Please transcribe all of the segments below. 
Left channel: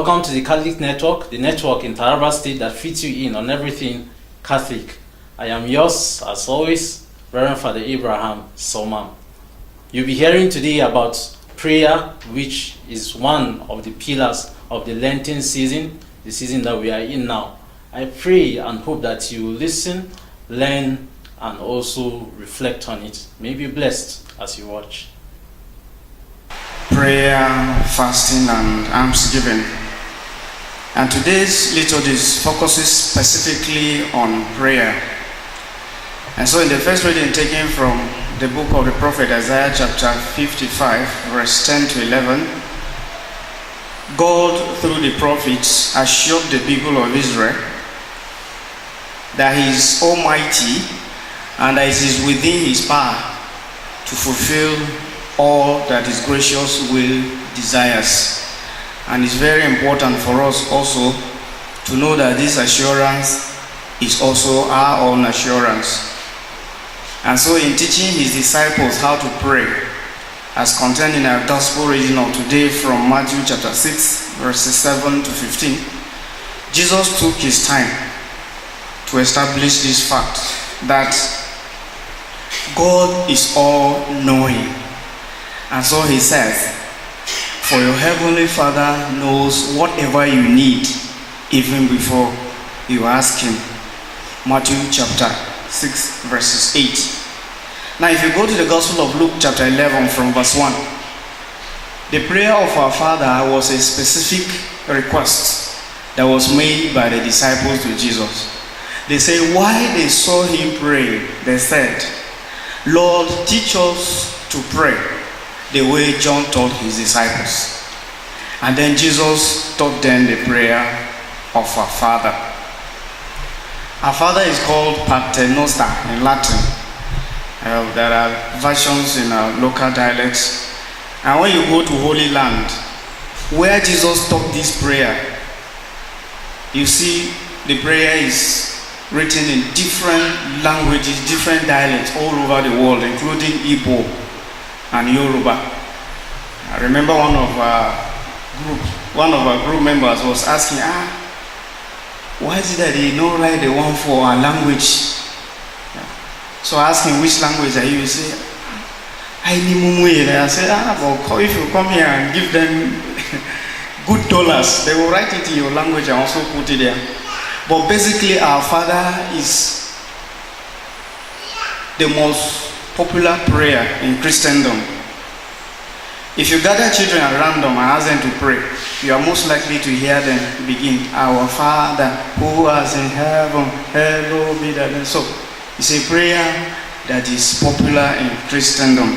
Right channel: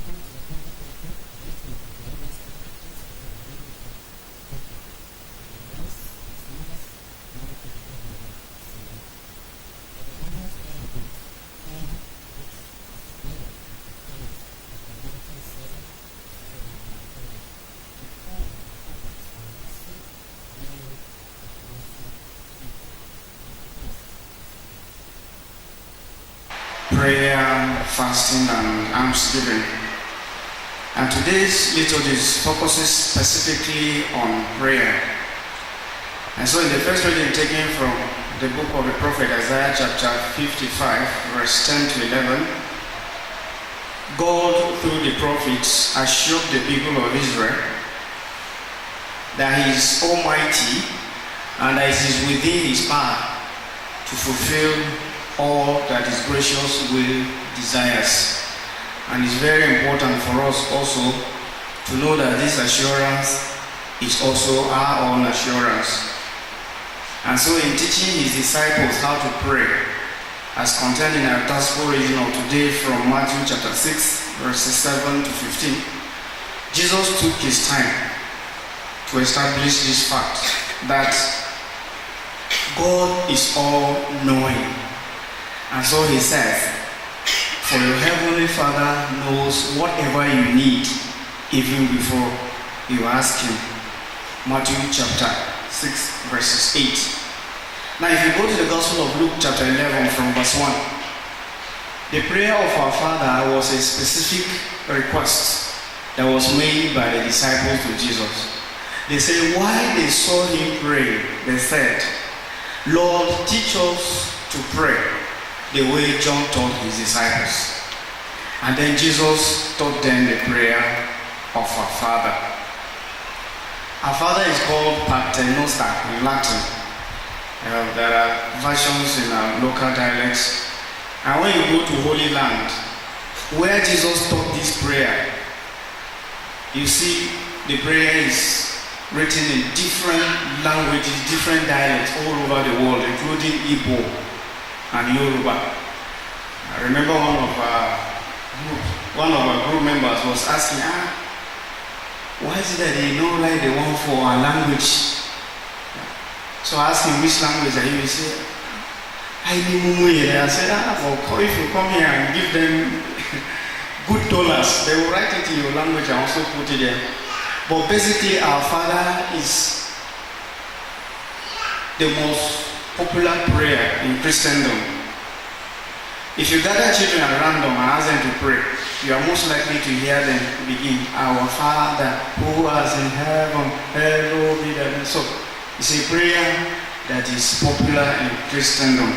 Welcome to the Catholic Network, the network in Taraba State that fits you in on everything Catholic. I am yours, as always, Reverend Father Abraham Soma. You'll be hearing today about prayer, which is one of the pillars of the Lenten season, the season that we are in now. I pray and hope that you will listen, learn, and also reflect on it. May be blessed as you watch. Prayer, fasting, and almsgiving. And today's liturgy focuses specifically on prayer. And so in the first reading taken from the book of the prophet Isaiah chapter 55, verse 10 to 11, God through the prophets assured the people of Israel that he is almighty and that it is within his power to fulfill all that his gracious will desires. And it's very important for us also to know that this assurance is also our own assurance. And so in teaching his disciples how to pray, as contained in our gospel reading of today from Matthew chapter 6, verses 7 to 15, Jesus took his time to establish this fact that God is all-knowing. And so he says, for your heavenly Father knows whatever you need even before you ask him. Matthew chapter 6, verses 8. Now if you go to the Gospel of Luke chapter 11 from verse 1, the prayer of our Father was a specific request that was made by the disciples to Jesus. They say, while they saw him pray, they said, Lord, teach us to pray the way John taught his disciples. And then Jesus taught them the prayer of our Father. Our Father is called Paternoster in Latin. There are versions in our local dialects. And when you go to Holy Land, where Jesus taught this prayer, you see the prayer is written in different languages, different dialects all over the world, including Igbo and Yoruba. I remember one of our group members was asking, why is it that they don't write the one for our language? So I asked him, which language are you? He said, I said, well, if you come here and give them good dollars, they will write it in your language and also put it there. But basically, our Father is the most popular prayer in Christendom. If you gather children at random and ask them to pray, you are most likely to hear them begin, Our Father who art in heaven, hallowed be thy name. So it's a prayer that is popular in Christendom.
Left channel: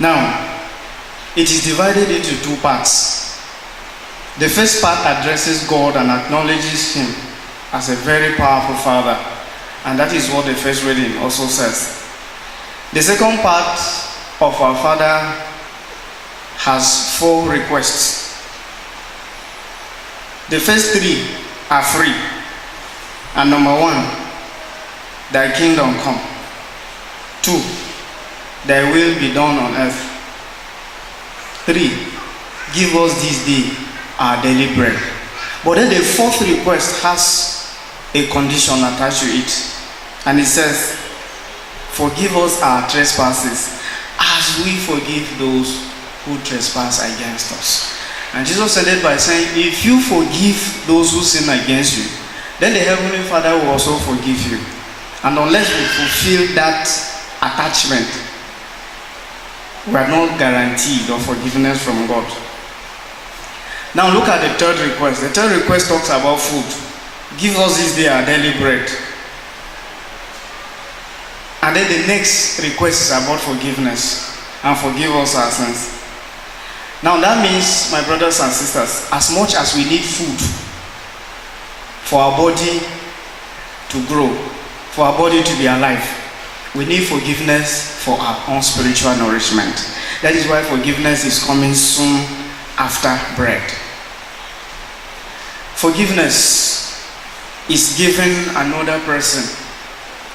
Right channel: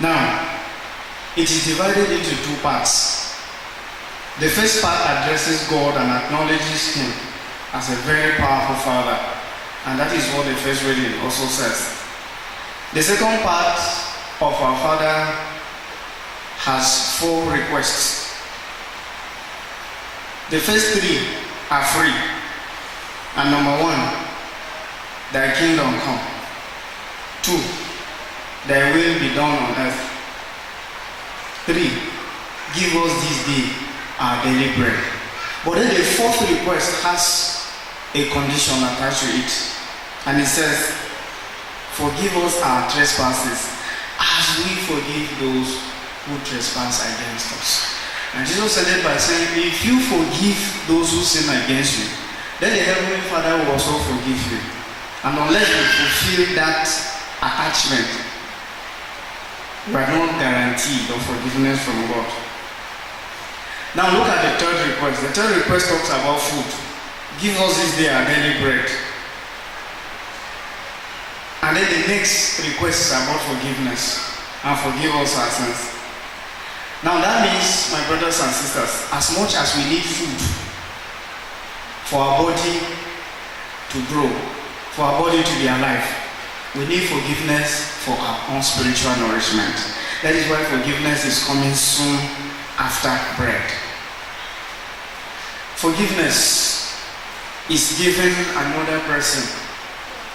Now, it is divided into two parts. The first part addresses God and acknowledges him as a very powerful Father. And that is what the first reading also says. The second part of our Father has 4 requests. The first 3 are free. And number 1, thy kingdom come. 2, thy will be done on earth. 3, give us this day our daily bread. But then the 4th request has a condition attached to it. And it says, forgive us our trespasses as we forgive those who trespass against us. And Jesus said it by saying, if you forgive those who sin against you, then the Heavenly Father will also forgive you. And unless we fulfill that attachment, we are not guaranteed of forgiveness from God. Now look at the 3rd request. The 3rd request talks about food. Give us this day our daily bread. And then the next request is about forgiveness. And forgive us our sins. Now that means, my brothers and sisters, as much as we need food for our body to grow, for our body to be alive, we need forgiveness for our own spiritual nourishment. That is why forgiveness is coming soon after bread. Forgiveness is giving another person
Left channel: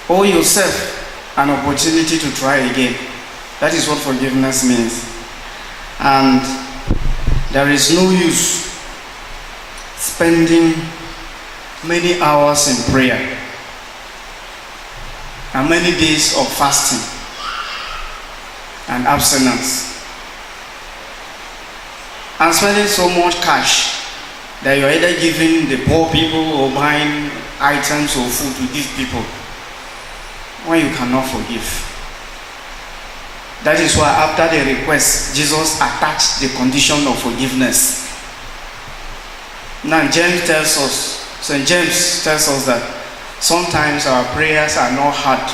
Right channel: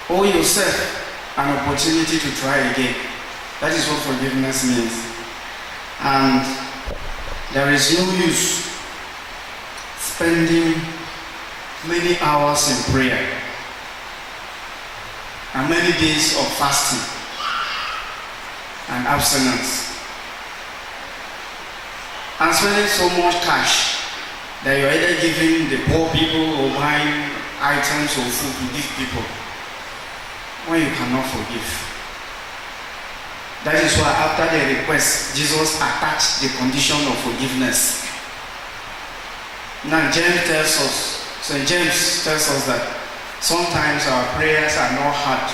or yourself an opportunity to try again. That is what forgiveness means. And there is no use spending many hours in prayer and many days of fasting and abstinence, and spending so much cash that you're either giving the poor people or buying items or food to give people when you cannot forgive. That is why after the request, Jesus attached the condition of forgiveness. Now St. James tells us that sometimes our prayers are not heard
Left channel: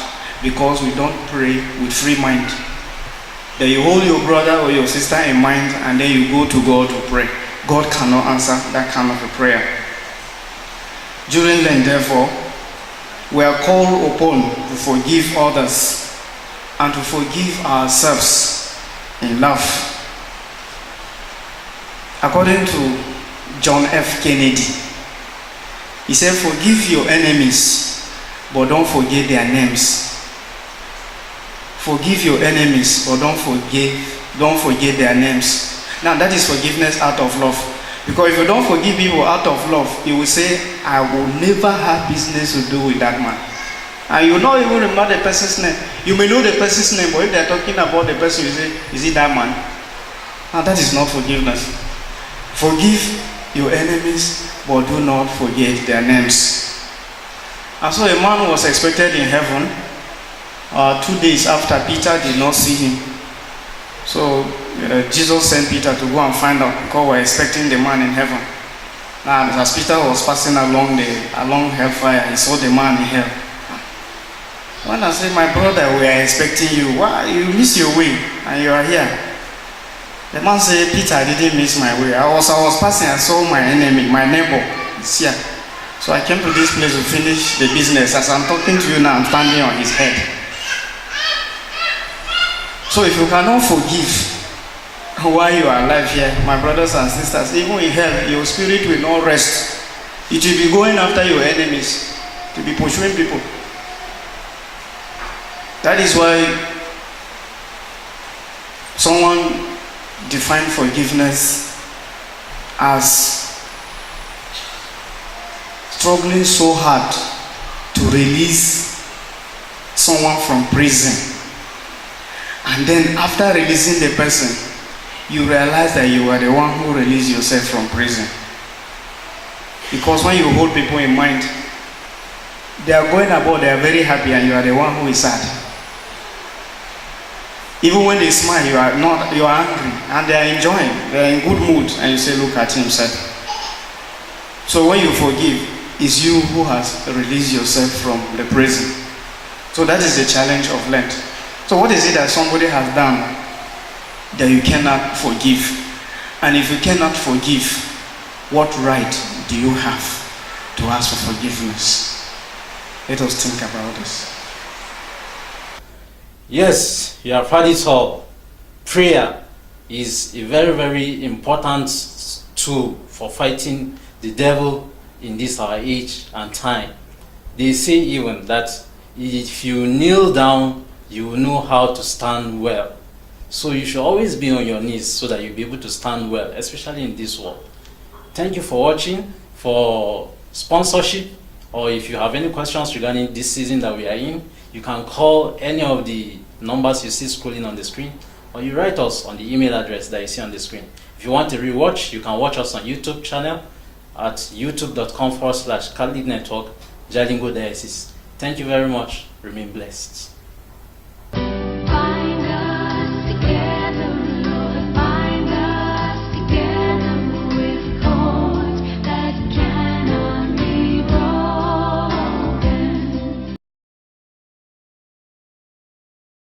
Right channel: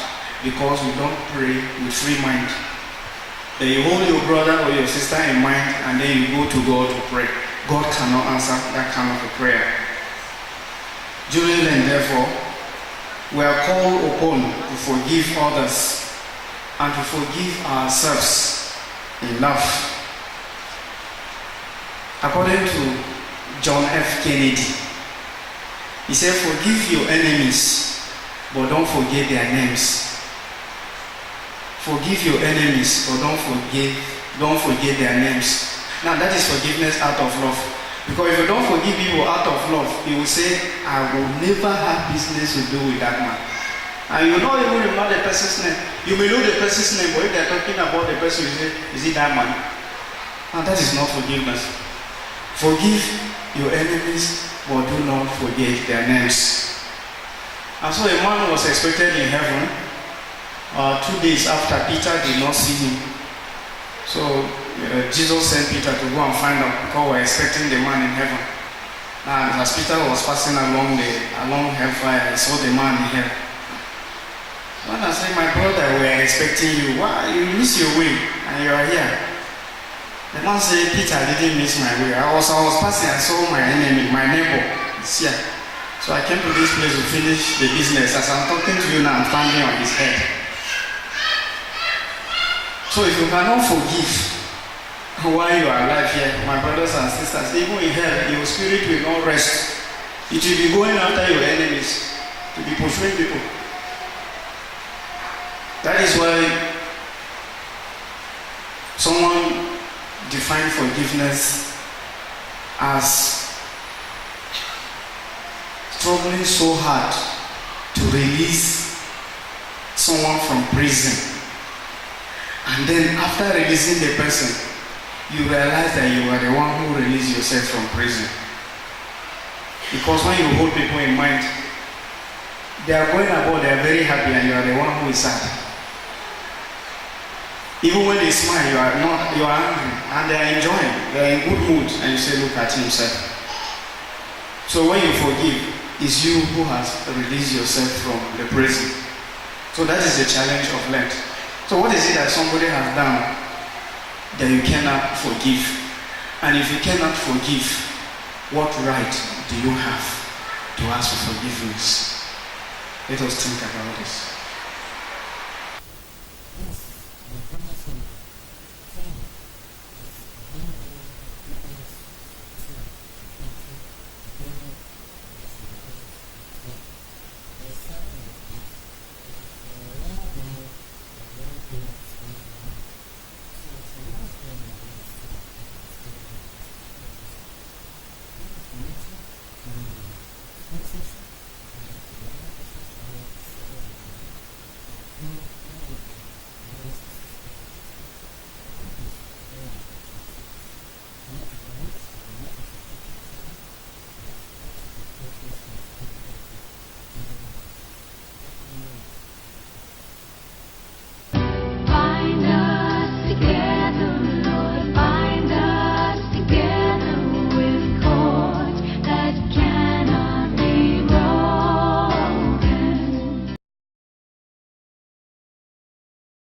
because we don't pray with free mind. That you hold your brother or your sister in mind and then you go to God to pray. God cannot answer that kind of a prayer. During Lent, therefore, we are called upon to forgive others and to forgive ourselves in love. According to John F. Kennedy, he said, forgive your enemies, but don't forget their names. Forgive your enemies, but don't forget their names. Now that is forgiveness out of love. Because if you don't forgive people out of love, you will say, I will never have business to do with that man. And you will not even remember the person's name. You may know the person's name, but if they are talking about the person, you say, is it that man? Now that is not forgiveness. Forgive your enemies, but do not forget their names. And so a man was expected in heaven 2 days after Peter did not see him. So Jesus sent Peter to go and find out because we were expecting the man in heaven. And as Peter was passing along hellfire, he saw the man in hell. When I say, my brother, we are expecting you. Why? You miss your way and you are here. The man said, Peter, I didn't miss my way. I was passing, I saw my enemy, my neighbor. It's here. So I came to this place to finish the business. As I'm talking to you now, I'm standing on his head. So if you cannot forgive while you are alive here, my brothers and sisters, even in hell, your spirit will not rest. It will be going after your enemies, to be pursuing people. That is why someone defined forgiveness as struggling so hard to release someone from prison. And then after releasing the person, you realize that you are the one who released yourself from prison. Because when you hold people in mind, they are going about, they are very happy, and you are the one who is sad. Even when they smile, you are angry, and they are enjoying, they are in good mood, and you say, look at himself. So when you forgive, it's you who has released yourself from the prison. So that is the challenge of Lent. So what is it that somebody has done that you cannot forgive? And if you cannot forgive, what right do you have to ask for forgiveness? Let us think about this. Yes, you have heard it all. Prayer is a very, very important tool for fighting the devil in this our age and time. They say even that if you kneel down, you will know how to stand well. So you should always be on your knees so that you'll be able to stand well, especially in this world. Thank you for watching. For sponsorship, or if you have any questions regarding this season that we are in, you can call any of the numbers you see scrolling on the screen, or you write us on the email address that you see on the screen. If you want to rewatch, you can watch us on YouTube channel at youtube.com/Catholic Network, Jalingo Diocese. Thank you very much. Remain blessed.